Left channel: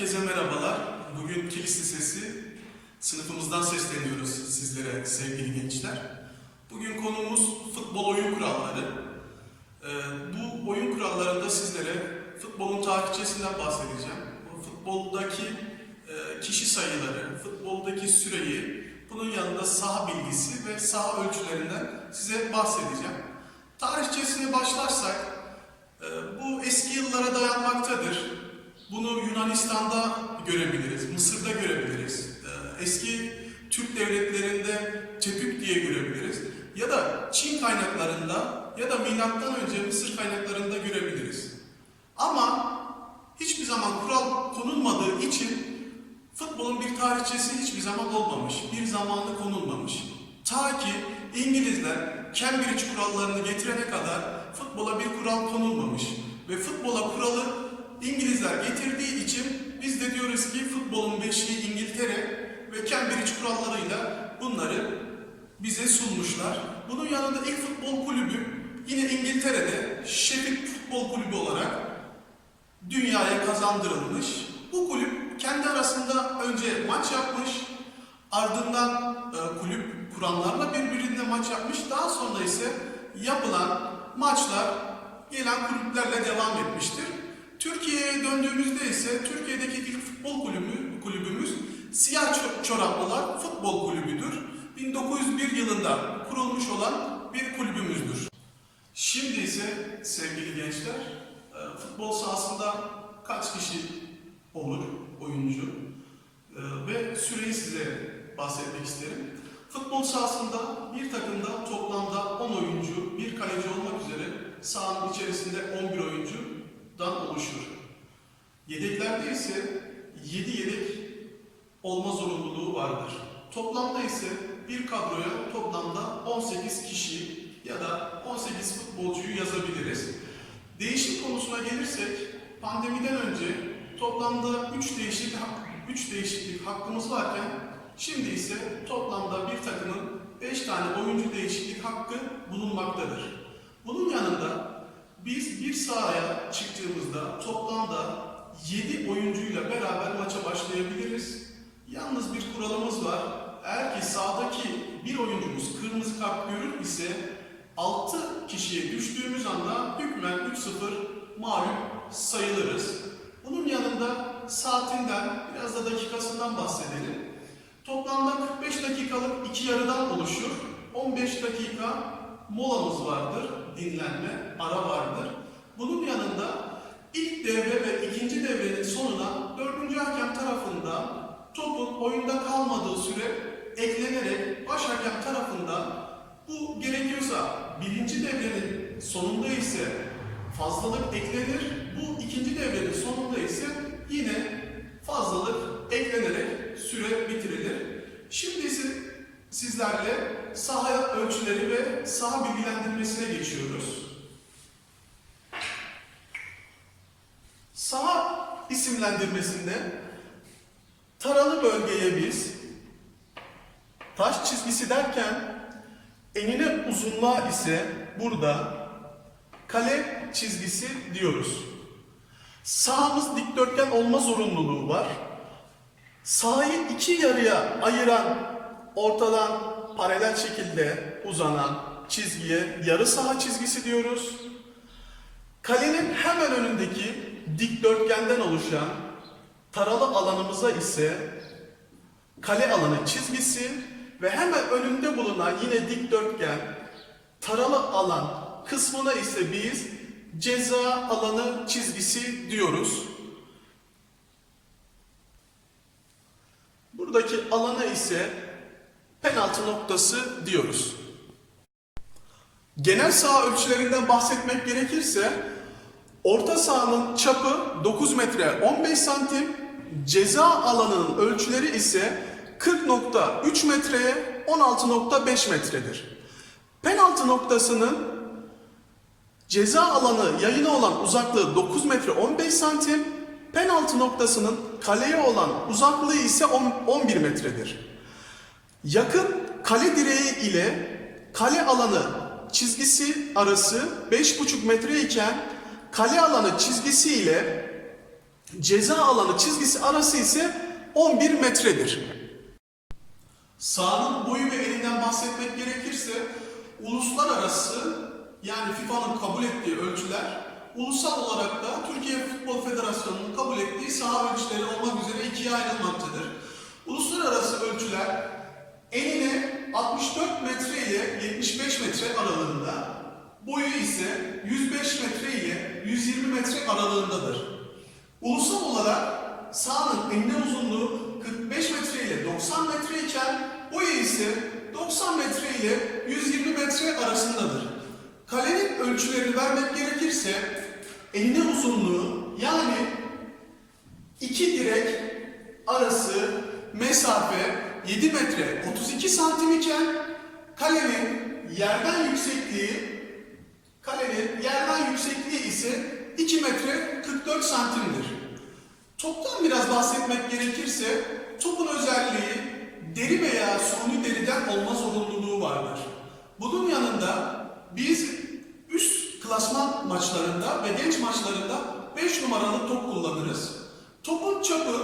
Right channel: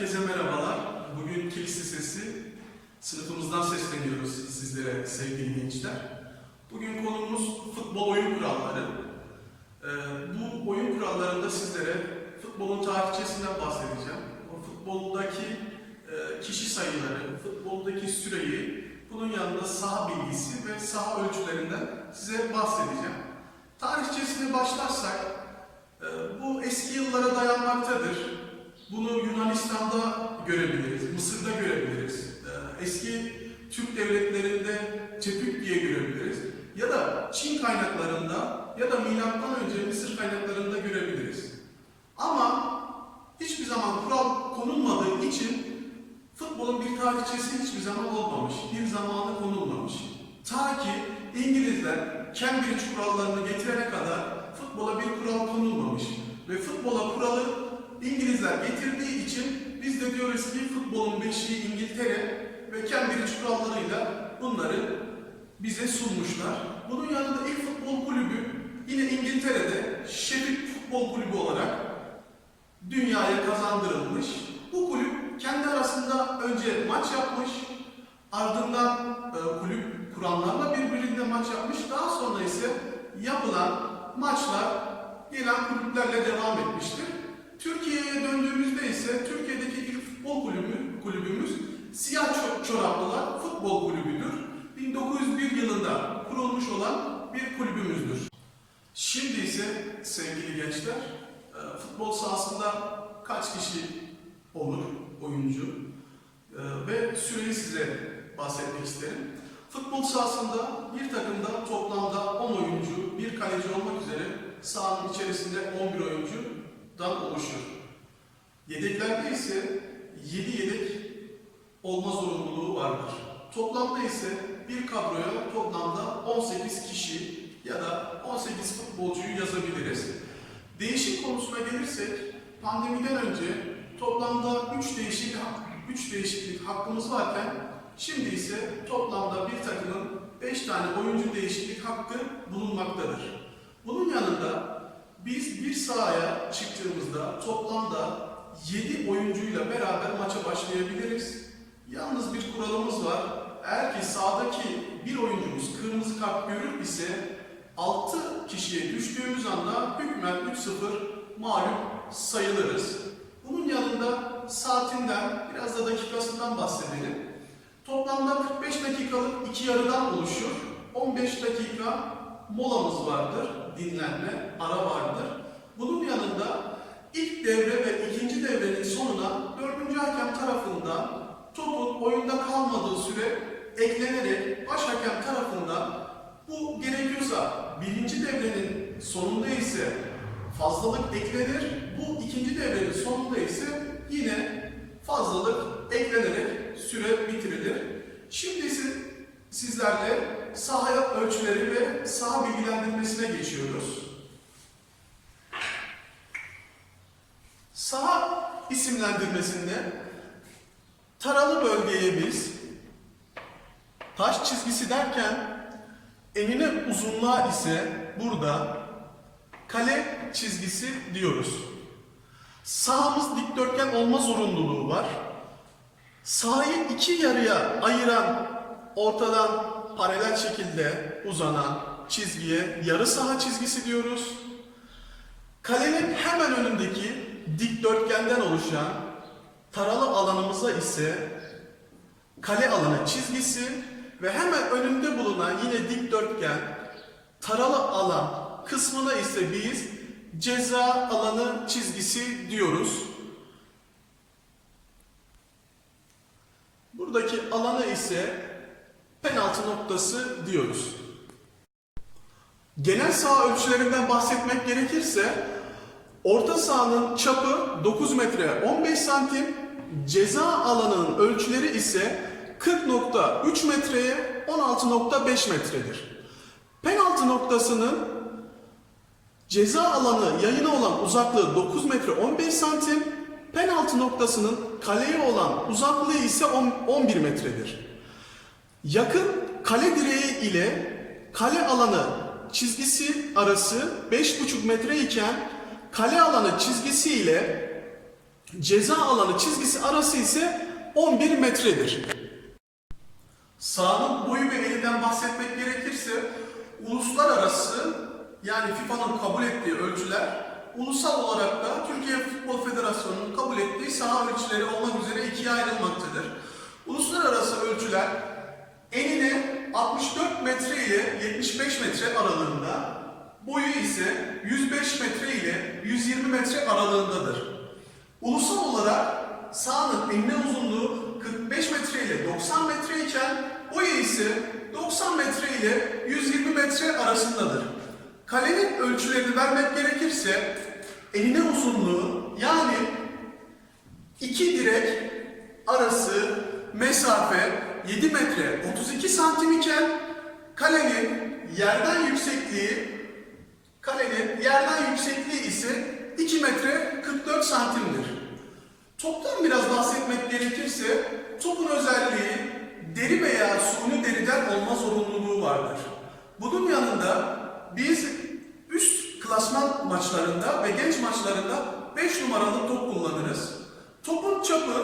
Herkese merhabalar. Bugün Kilis Lisesi sınıfımızdan sesleniyoruz sizlere sevgili gençler. Bugün konumuz futbol oyun kuralları. Ee, bu oyun kurallarında sizlere futbolun tarihçesinden bahsedeceğim. Futboldaki e, kişi sayıları, futboldaki süreyi, bunun yanında saha bilgisi ve saha ölçülerinden size bahsedeceğim. Tarihçesine başlarsak, e, bu eski yıllara dayanmaktadır. Bunu Yunanistan'da görebiliriz, Mısır'da görebiliriz. Ee, Eski Türk devletlerinde Tepük diye görebiliriz. Ya da Çin kaynaklarında ya da milattan önce Mısır kaynaklarında görebiliriz. Ama hiçbir zaman kural konulmadığı için futbolun bir tarihçesi hiçbir zaman olmamış, bir zamanı konulmamış. Ta ki İngilizler Cambridge kurallarını getirene kadar futbola bir kural konulmamış ve futbola kuralı İngilizler getirdiği için biz de diyoruz ki futbolun beşiği İngiltere ve Cambridge kurallarıyla bunları bize sunmuşlar. Bunun yanında ilk futbol kulübü yine İngiltere'de Sheffield Futbol Kulübü olarak dünyaya kazandırılmış. Bu kulüp kendi arasında önce maç yapmış, ardından e, kulüp kuranlarla birbirine maç yapmış. Daha sonra ise yapılan maçlar gelen kulüplerle devam etmiştir. Türkiye'ye döndüğümüzde ise Türkiye'deki ilk futbol kulübü, kulübümüz Siyah Ço- Çoraplılar Futbol Kulübü'dür. 1901 yılında kurulmuş olan bir kulübümüzdür. Şimdi ise sevgili gençler, e, futbol sahasında kaç kişi olur oyuncu E, ve süreyi size bahsetmek isterim. Futbol sahasında bir takımda toplamda 10 oyuncu, bir kaleci olmak üzere sahanın içerisinde 11 oyuncudan oluşur. Yedeklerde ise 7 yedek olma zorunluluğu vardır. Toplamda ise bir kadroya toplamda 18 kişi ya da 18 futbolcuyu yazabiliriz. Değişim konusuna gelirsek pandemiden önce toplamda 3 değişik 3 değişiklik hakkımız varken şimdi ise toplamda bir takımın 5 tane oyuncu değişiklik hakkı bulunmaktadır. Bunun yanında biz bir sahaya çıktığımızda toplamda 7 oyuncuyla beraber maça başlayabiliriz. Yalnız bir kuralımız var. Eğer ki sahadaki bir oyuncumuz kırmızı kart görür ise 6 kişiye düştüğümüz anda hükmen 3-0 mağlup sayılırız. Bunun yanında saatinden biraz da dakikasından bahsedelim. Toplamda 45 dakikalık iki yarıdan oluşur. 15 dakika molamız vardır, dinlenme, ara vardır. Bunun yanında ilk devre ve ikinci devrenin sonuna dördüncü hakem tarafından topun oyunda kalmadığı süre eklenerek baş hakem tarafından bu gerekiyorsa birinci devrenin sonunda ise fazlalık eklenir. Bu ikinci devrenin sonunda ise yine fazlalık eklenerek süre bitirilir. Şimdi ise sizlerle sahaya ölçüleri ve saha bilgilendirmesine geçiyoruz. Saha isimlendirmesinde taralı bölgeye biz taş çizgisi derken enine uzunluğa ise burada kale çizgisi diyoruz. Sahamız dikdörtgen olma zorunluluğu var. Sahayı iki yarıya ayıran ortadan paralel şekilde uzanan çizgiye yarı saha çizgisi diyoruz. Kalenin hemen önündeki dikdörtgenden oluşan taralı alanımıza ise kale alanı çizgisi ve hemen önünde bulunan yine dikdörtgen taralı alan kısmına ise biz ceza alanı çizgisi diyoruz. Buradaki alana ise penaltı noktası diyoruz. Genel saha ölçülerinden bahsetmek gerekirse orta sahanın çapı 9 metre 15 santim, ceza alanının ölçüleri ise 40.3 metreye 16.5 metredir. Penaltı noktasının ceza alanı yayına olan uzaklığı 9 metre 15 santim, penaltı noktasının kaleye olan uzaklığı ise 10 11 metredir. Yakın kale direği ile kale alanı çizgisi arası 5,5 metre iken kale alanı çizgisi ile ceza alanı çizgisi arası ise 11 metredir. Sahanın boyu ve eninden bahsetmek gerekirse uluslararası yani FIFA'nın kabul ettiği ölçüler ulusal olarak da Türkiye Futbol Federasyonu'nun kabul ettiği saha ölçüleri olmak üzere ikiye ayrılmaktadır. Uluslararası ölçüler enine 64 metre ile 75 metre aralığında, boyu ise 105 metre ile 120 metre aralığındadır. Ulusal olarak sahanın enine uzunluğu 45 metre ile 90 metre iken boyu ise 90 metre ile 120 metre arasındadır. Kalenin ölçülerini vermek gerekirse enine uzunluğu yani iki direk arası mesafe 7 metre 32 santim iken kalenin yerden yüksekliği kalenin yerden yüksekliği ise 2 metre 44 santimdir. Toptan biraz bahsetmek gerekirse topun özelliği deri veya suni deriden olma zorunluluğu vardır. Bunun yanında biz üst klasman maçlarında ve genç maçlarında 5 numaralı top kullanırız. Topun çapı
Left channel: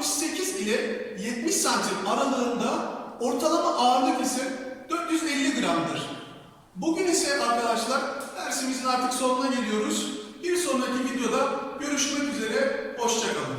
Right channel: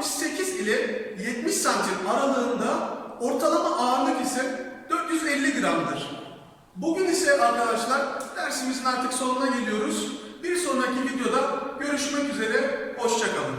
68 ile 70 santim aralığında ortalama ağırlık ise 450 gramdır. Bugün ise arkadaşlar dersimizin artık sonuna geliyoruz. Bir sonraki videoda görüşmek üzere, hoşçakalın.